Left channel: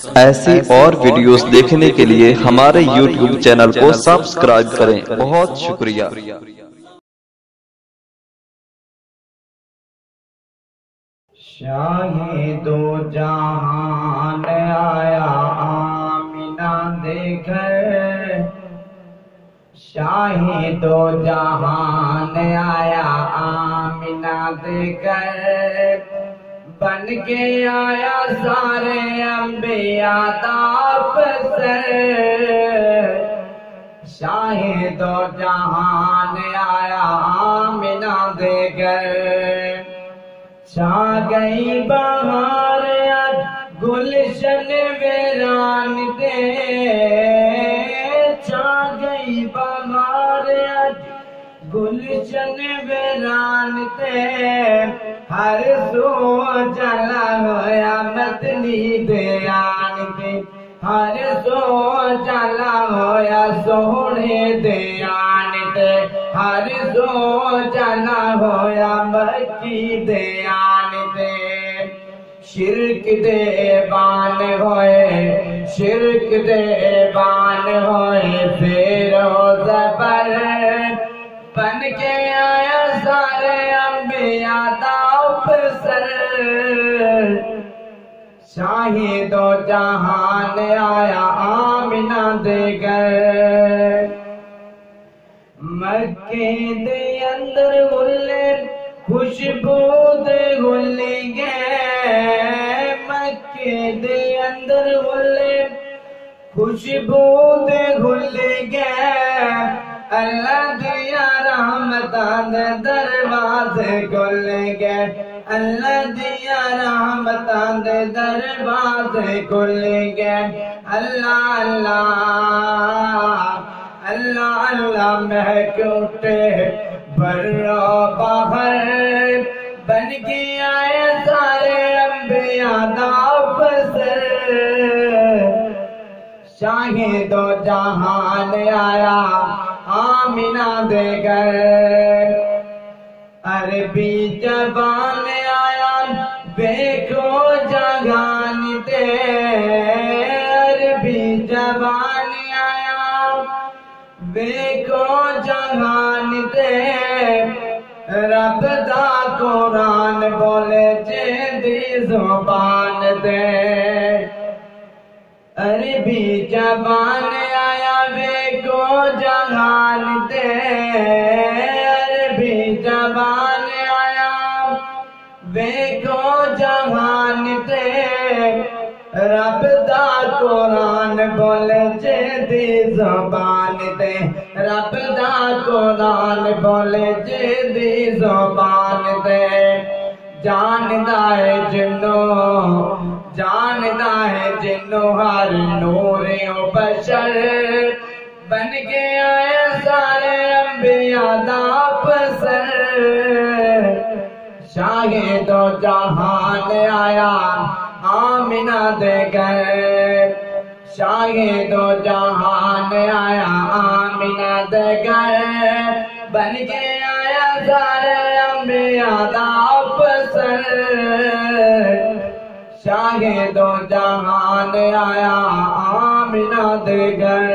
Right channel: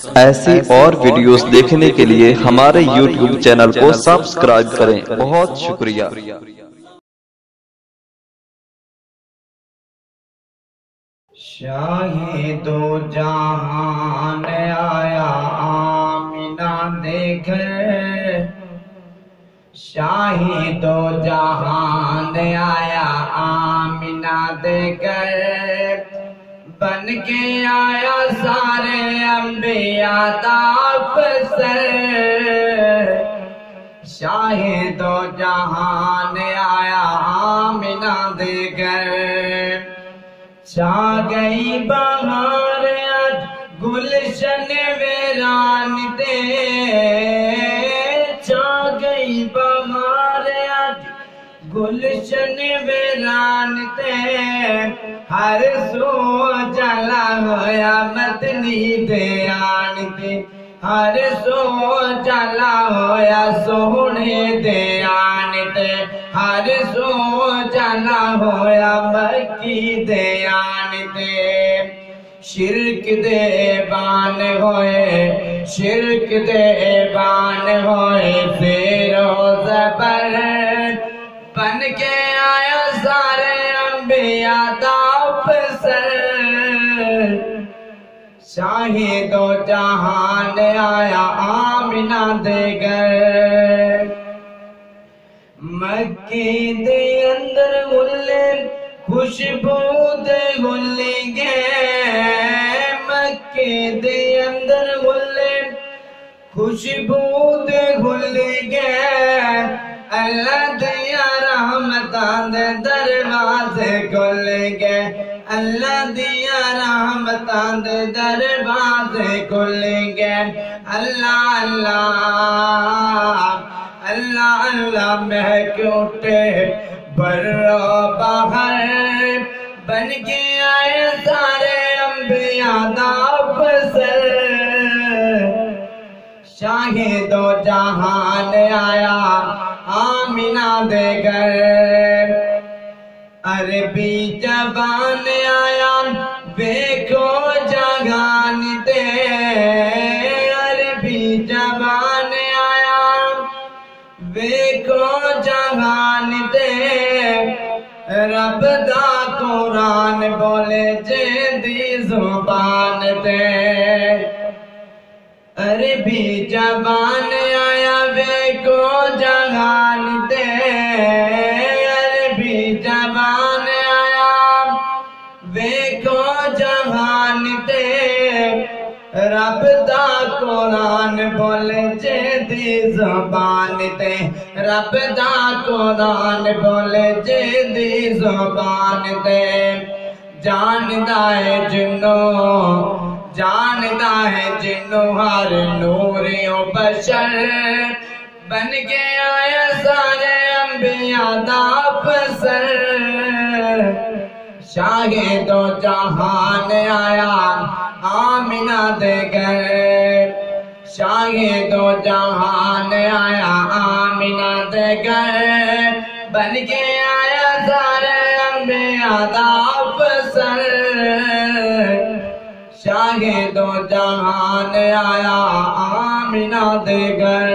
ऐसी और वीडियोस देखने के लिए हमारे YouTube चैनल को सब्सक्राइब करें। बहुत शुक्रिया। शाही दो जहान आया आमिना दे घर, शाही दो जहान आया आमिना दे घर, बन के आया सारे अंबिया दा अफसर। शाही दो जहान आया आमिना दे घर, छा गई बहार आज गुलशन वीरान दे, छा गई बहार आज गुलशन वीरान दे, हर सो जला होया मदनी दयान दे, हर सो जला होया सोहने दयान दे, हर सो जला होया मक्की दयान दे। शिरक दे बान होए, शिरक दे बान होए, फिर हो ज़बर बन के आया सारे अंबिया दा अफसर। शाही दो जहान आया आमिना दे घर, मक्के दे अंदर गुल्ले खुशबू दे गुल्ले गए, मक्के दे अंदर गुल्ले खुशबू दे गुल्ले गए, अल्लाह दिया रहमतां दे दरवाजे खुल गए, अल्लाह दिया रहमतां दे दरवाजे खुल गए। अल्लाह अल्लाह अल्लाह अल्लाह महक उठे बर्रो बाहर, बन के आए सारे अंबिया दा अफसर। शाही दो जहान आया आमिना दे घर, अरबी जबान आया देखो जगान दे, अरबी जबान आया देखो जहान दे, रब दा कुरान बोले जेदी जुबान दे, अरबी जबान आया देखो जहान दे, अरबी जबान आया देखो जहान दे, रब दा कुरान बोले जेदी जुबान दे, रब दा कुरान बोले जेदी जुबान दे। जानदा है जिन्नो, जानदा है जिन्नो हर नूर ओ बशर, बन के आए सारे अंबिया दा अफसर। शाहे दो जहान आया आमिना दे घर, शाहे दो जहान आया आमिना दे घर, बन के आया सारे अंबिया दा अफसर। शाहे दो जहान आया आमिना दे घर।